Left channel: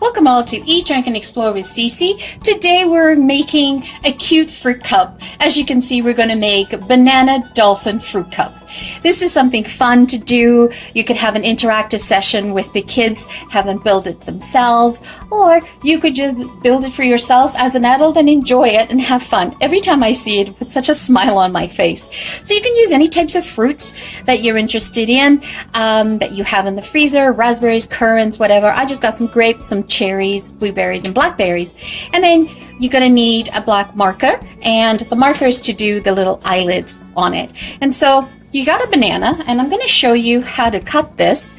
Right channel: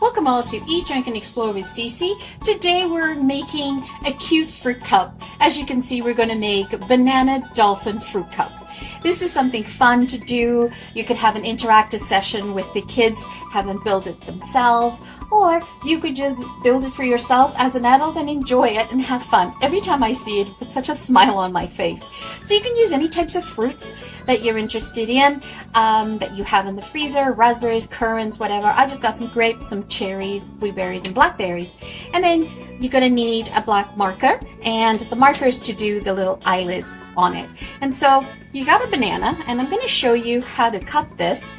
Welcome all to Eat, Drink, and Explore with Cece. Today we're making a cute fruit cup. As you can see, we're going to make banana dolphin fruit cups. This is something fun to do. You could have an interactive session with the kids, have them build it themselves, or you could just build it for yourself as an adult and enjoy it and have fun. Every time I see it, it puts such a smile on my face. So you can use any types of fruits that you're interested in, that you have in the freezer, raspberries, currants, whatever. I just got some grapes, some cherries, blueberries, and blackberries. And then you're going to need a black marker, and the marker is to do the little eyelids on it. And so you got a banana, and I'm going to show you how to cut this.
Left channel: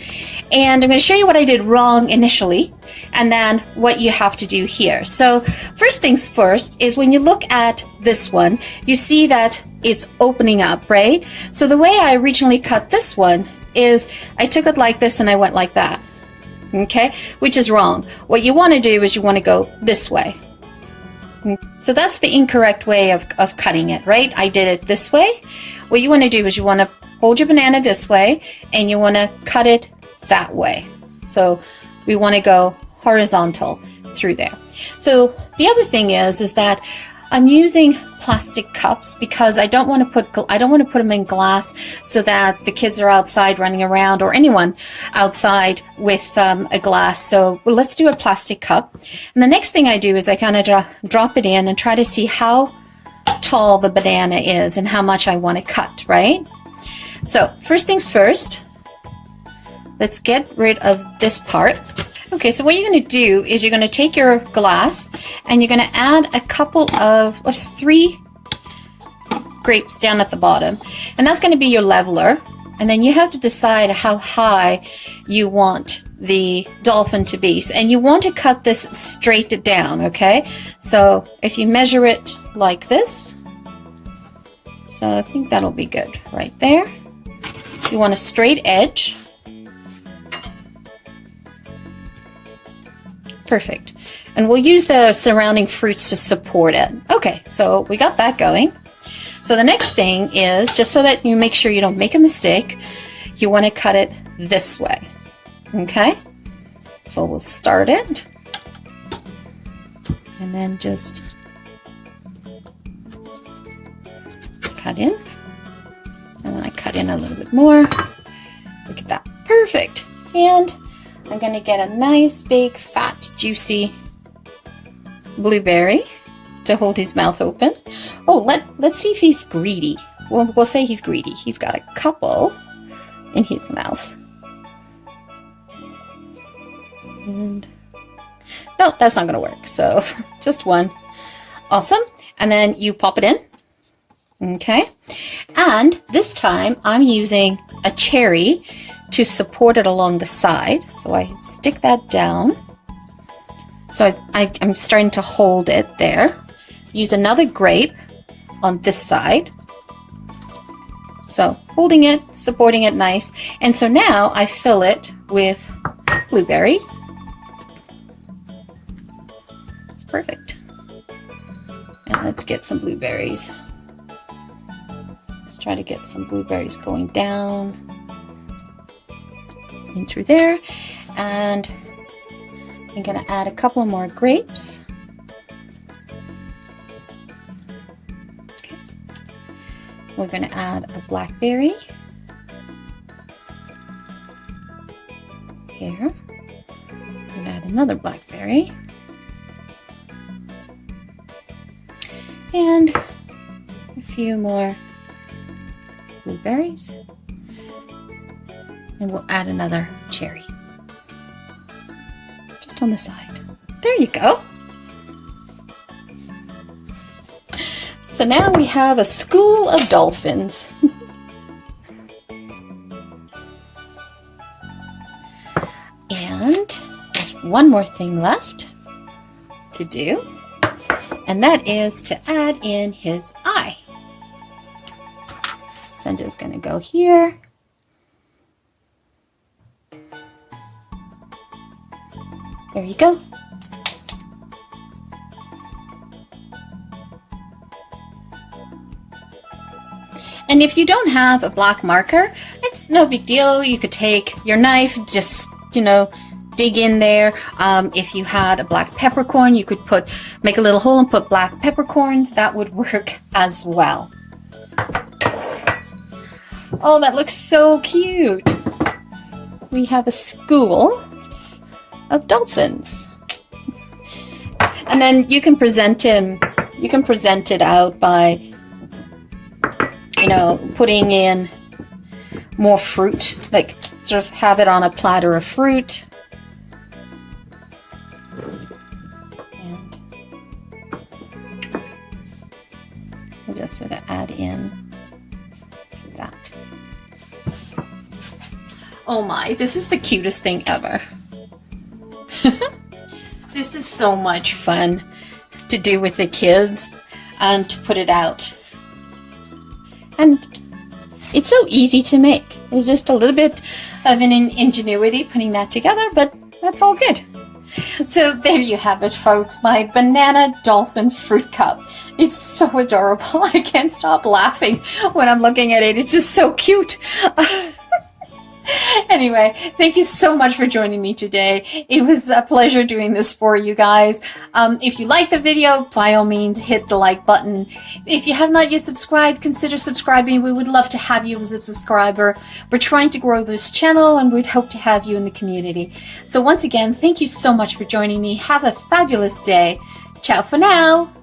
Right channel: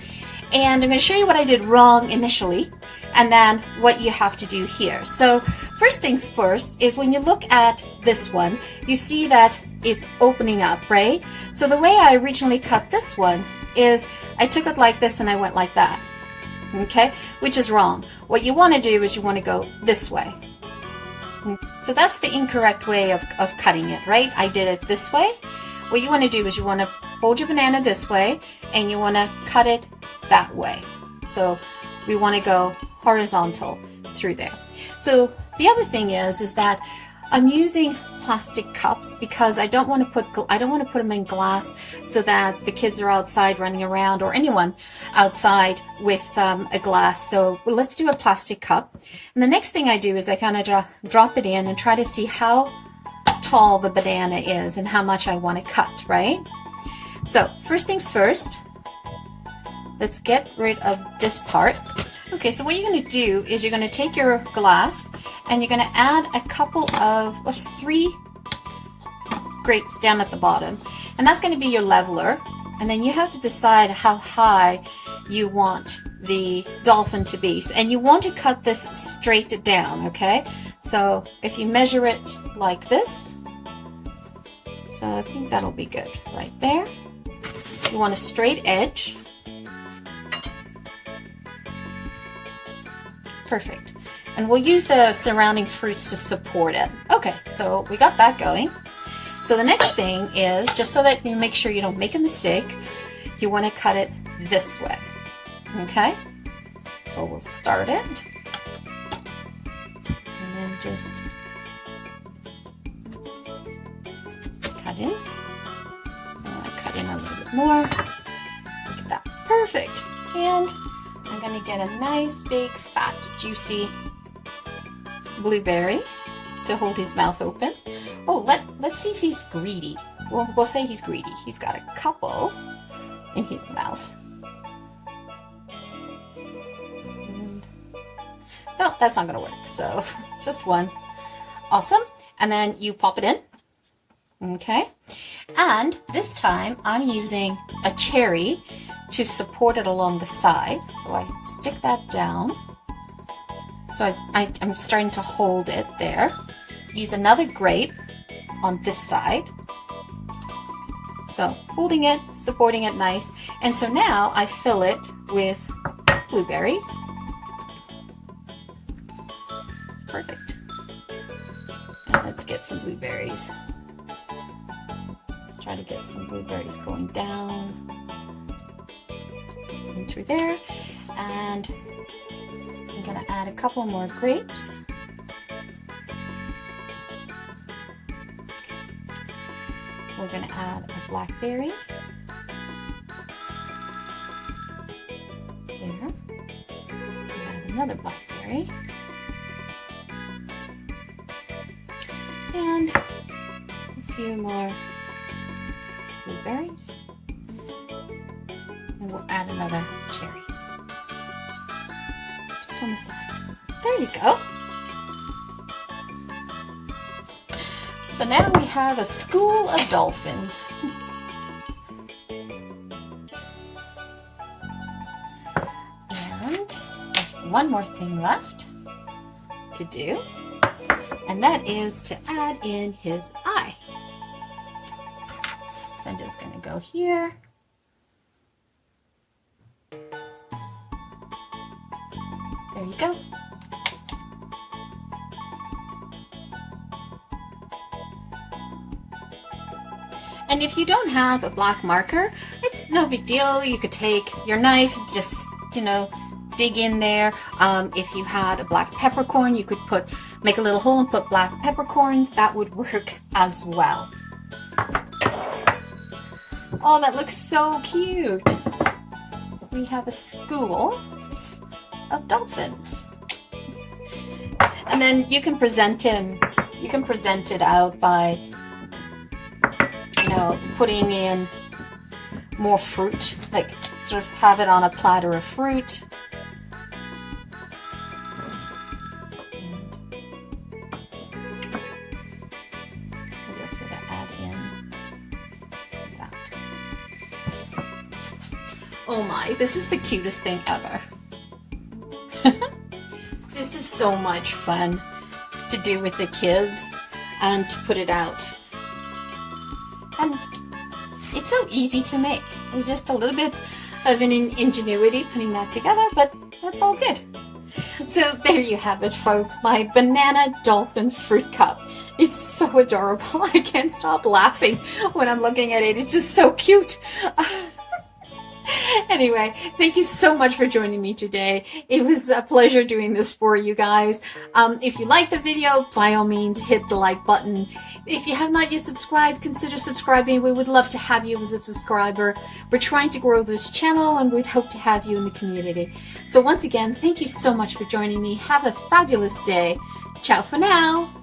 And I'm going to show you what I did wrong initially, and then what you have to do here. So first things first is when you look at this one, you see that it's opening up, right? So the way I originally cut this one is I took it like this and I went like that. Okay, which is wrong. What you want to do is you want to go this way. So that's the incorrect way of cutting it, right? I did it this way. What you want to do is you want to hold your banana this way and you want to cut it that way. So we want to go horizontal through there. So the other thing is that I'm using plastic cups because I don't want to put them in glass so that the kids are outside running around, or anyone outside with a glass. So let's do a plastic cup. And the next thing I do is I kind of drop it in and try to see how tall the banana is and how much I want to cut, right? So first things first, let's get rid of this part. Okay, so what you're going to do is you're going to take your glass and you're going to add a couple of, or 3 grapes down at the bottom. And that's going to be your leveler. And then you have to decide how high you want the dolphin to be. And you want to cut this straight down, okay? So if you measure it like this, so I think that'll be good right there. You want a straight edge. Perfect. And we'll use the surrounding fruits to support it. Okay, so we got that going. So the next thing is, just so that you make sure you don't make a mistake, you want to cut it this way. Okay? So we'll start it. And then just cut in. And I cut in a little bit more. Look at that. Perfect. And I'm going to get a nice, big, fat, juicy blueberry to hold his mouth open. Oh, let's see if he's greedy. We'll say he's greedy. He's got a couple in his mouth. And no, that's not going to work. So just one. Awesome. And then you pop it in. Okay. And this time I'm using a cherry to support it along the side. So I stick that down. So I'm starting to hold it there. Use another grape on this side. So holding it, supporting it nice. And so now I fill it with blueberries. It's perfect. And let's get some blueberries. Let's try to get some blueberries going down in through there, and I'm going to add a couple more grapes. Okay. We're going to add a blackberry here, and add another blackberry, and a few more blueberries. And we'll add another cherry. Just on the side. There you go. So now we have a school of dolphins. And there's one more thing left to do. And that is to add in his eye. So I'm just going to go here. There you go. And if you don't have a black marker, it's no big deal. You could take your knife, just dig in there. If you had a black peppercorn, you could make a little hole and put black peppercorns. That would work as well. Oh, that looks so cute. We have a school of dolphins. And then you can present it out by, putting in more fruit, like sort of have it on a platter of fruit. And we'll just sort of add in that. Oh my, this is the cutest thing ever. This is so much fun to do with the kids and to put it out. And it's so easy to make. It's just a little bit of an ingenuity putting that together, but that's all good. So there you have it, folks, my banana dolphin fruit cup. It's so adorable. I can't stop laughing when I'm looking at it. It's just so cute. Anyway, thank you so much for joining me today. It was a pleasure doing this for you guys. If you like the video, by all means, hit the like button. If you have not yet subscribed, consider subscribing. We would love to have you as a subscriber. We're trying to grow this channel and we'd hope to have you in the community. So once again, thank you so much for joining me. Have a fabulous day. Ciao for now.